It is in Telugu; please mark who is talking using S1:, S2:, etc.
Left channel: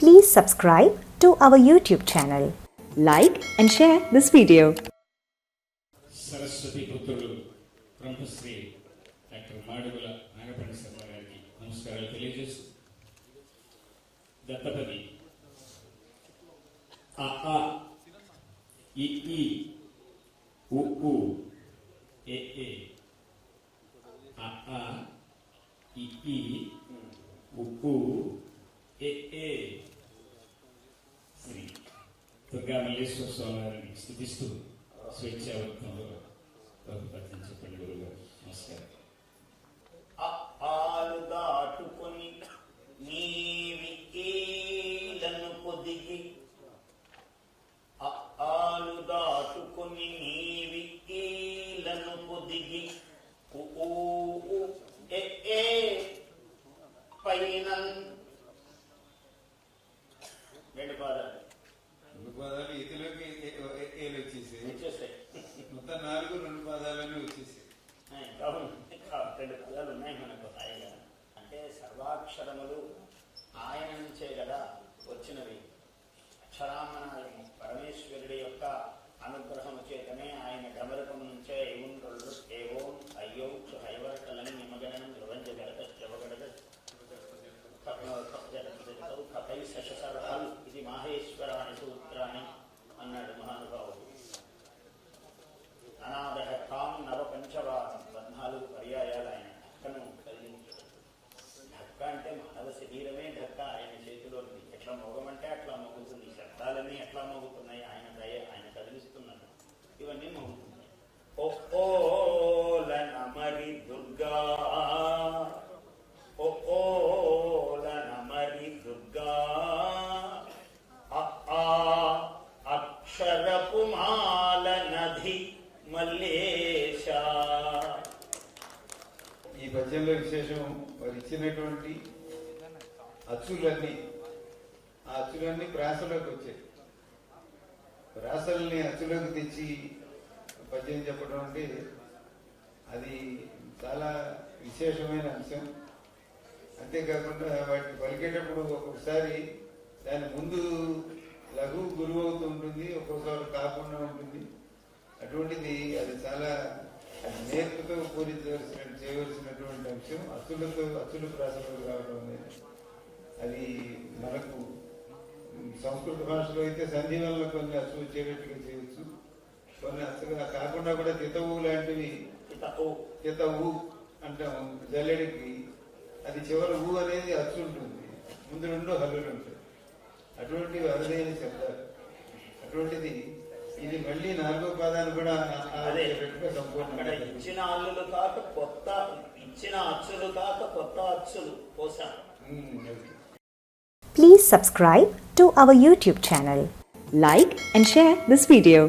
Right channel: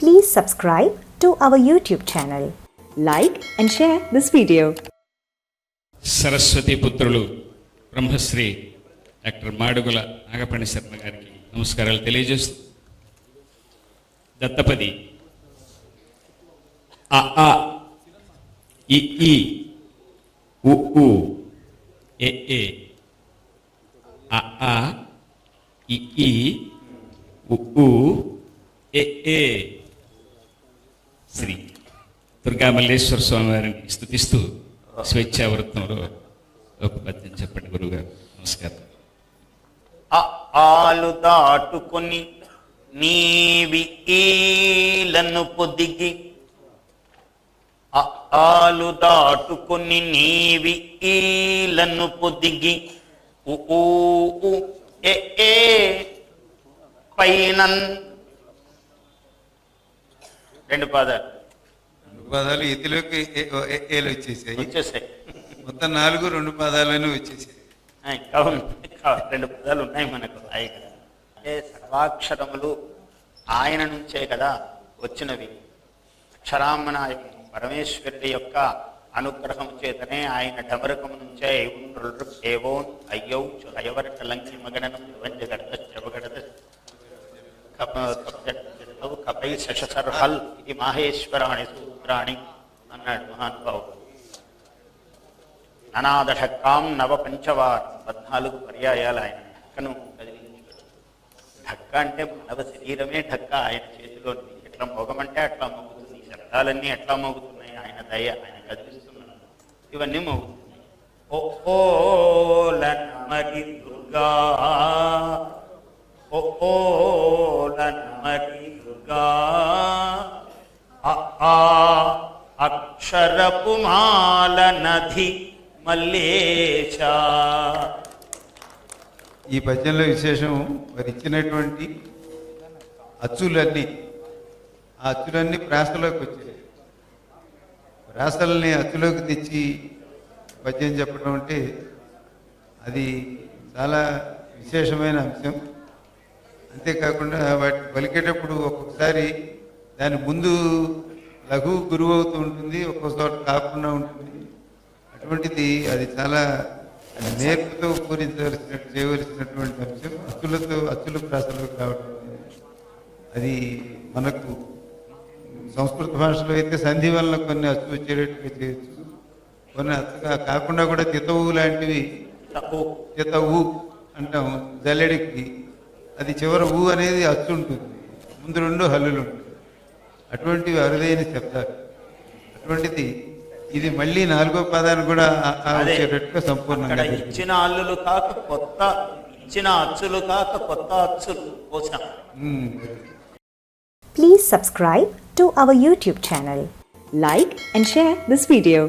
S1: Please subscribe to our YouTube channel. Like and share this video.
S2: Saraswati పుత్రులు బ్రహ్మశ్రీ డాక్టర్ మాడుగుల నాగపణి శర్మ గారికి నమస్కారాలు తెలియజేస్తూ దత్తపది అ ఆ ఇ ఈ ఉ ఉ ఎ ఏ అ ఆ ఇ ఈ ఉ ఉ ఎ ఏ దుర్గామల్లేశ్వర స్వామి వారిని స్థుతిస్తూ స్వేచ్ఛావృత్తంలో ఒక పద్యం చెప్పండి గురుగారు నమస్కారం.
S3: ఆ ఆలు దాటుకొని నీవి ఈలను పొదిగి ఆలు దాటుకొని నీవి ఈలను పొదిగి ఏ పైన రెండు పాదాలు.
S4: పదాలు ఏ- ఏలు వచ్చేసాయి?
S3: వచ్చేసాయి.
S4: మొత్తం నాలుగు రెండు పదాలను వచ్చేసాయి.
S3: అవును రెండు పదాలు ఉన్నాయి మనకు. ఆయన అంటే సర్వాక్షరములు ఆయన నుంచే కదా వచ్చినవి. అక్షరామనాయకు పరమేశ్వరుడి యొక్క అనుగ్రహం చేతనే ఆయన డమరకం నుంచే ఏవో అయ్యో అయవర కలంకి మగడనం వంజగడ చెవగడద కపై శశసర్హల్ ఇది మాహేశ్వరాణి సూత్రాణి అన్నాడు మహానుభావుడు అనాథకాం నవ పంచవార్ పద్నాలుగు పర్యాయాలు ఆయన ఢక్కను ఢక్క అంటే నవ శరీరమే ఢక్క ఆయన చేతిలో ఉంది. ఎట్లా మోగమంటే అట్లా మోగుతుంది శబ్దాలన్నీ ఎట్లా మోగుతున్నాయి ఆయన దయ ఆయన కదిలిస్తున్నాడు ఇవన్నీ మోగుతున్నాయి ఓ నది మల్లేచా
S4: ఈ పద్యంలో విశేషం మరి ఇచ్చినటువంటి అచ్చులన్నీ ఆ అచ్చులన్నీ ప్రాసలోకి వచ్చాయి. ప్రాసల్ని అచ్చులోకి తెచ్చి పద్యం చెప్పడం అంటే అది చాలా విశేషమైన అంశం. అంతేకాకుండా వాటి పలికేటప్పుడు ఒక్కొక్కసారి దాని ముందు లఘు గురువు అవుతూ ఉంటుంది ఒక్కొక్క చోట కాకుండా ఉంటుంది. అటువంటిది అది చాలా నేర్పుతో పూరించవలసిన చేయవలసినటువంటి అంశం అచ్చులతో అచ్చుల ప్రాసలకు రావడం అది మనకు సంస్కృత భాషలో అయితే సంధి వల్ల కొన్ని అచ్చు వచ్చేటట్టుగా చేయొచ్చు కొన్ని కాకుండా కూడా చితవు లాంటివి చితవు అంటాం జల్లెడికి. అది చివర ఊ అనేది అచ్చు ఉంటుంది. ముందు రెండు హల్లులు ఉంటాయి. అటువంటివి అరుదైన చెప్తారు అటువంటిది ఇది మళ్ళీ నాలుగో పదాన్ని కూడా వచ్చేటట్టుగా సంపూర్ణంగా
S3: ఇచ్చిన అల్లులు కాక కొత్త ఇచ్చిన అచ్చులు కాక కొత్త అచ్చులు
S4: ఉమ్.
S1: Please subscribe to our YouTube channel. Like and share this video.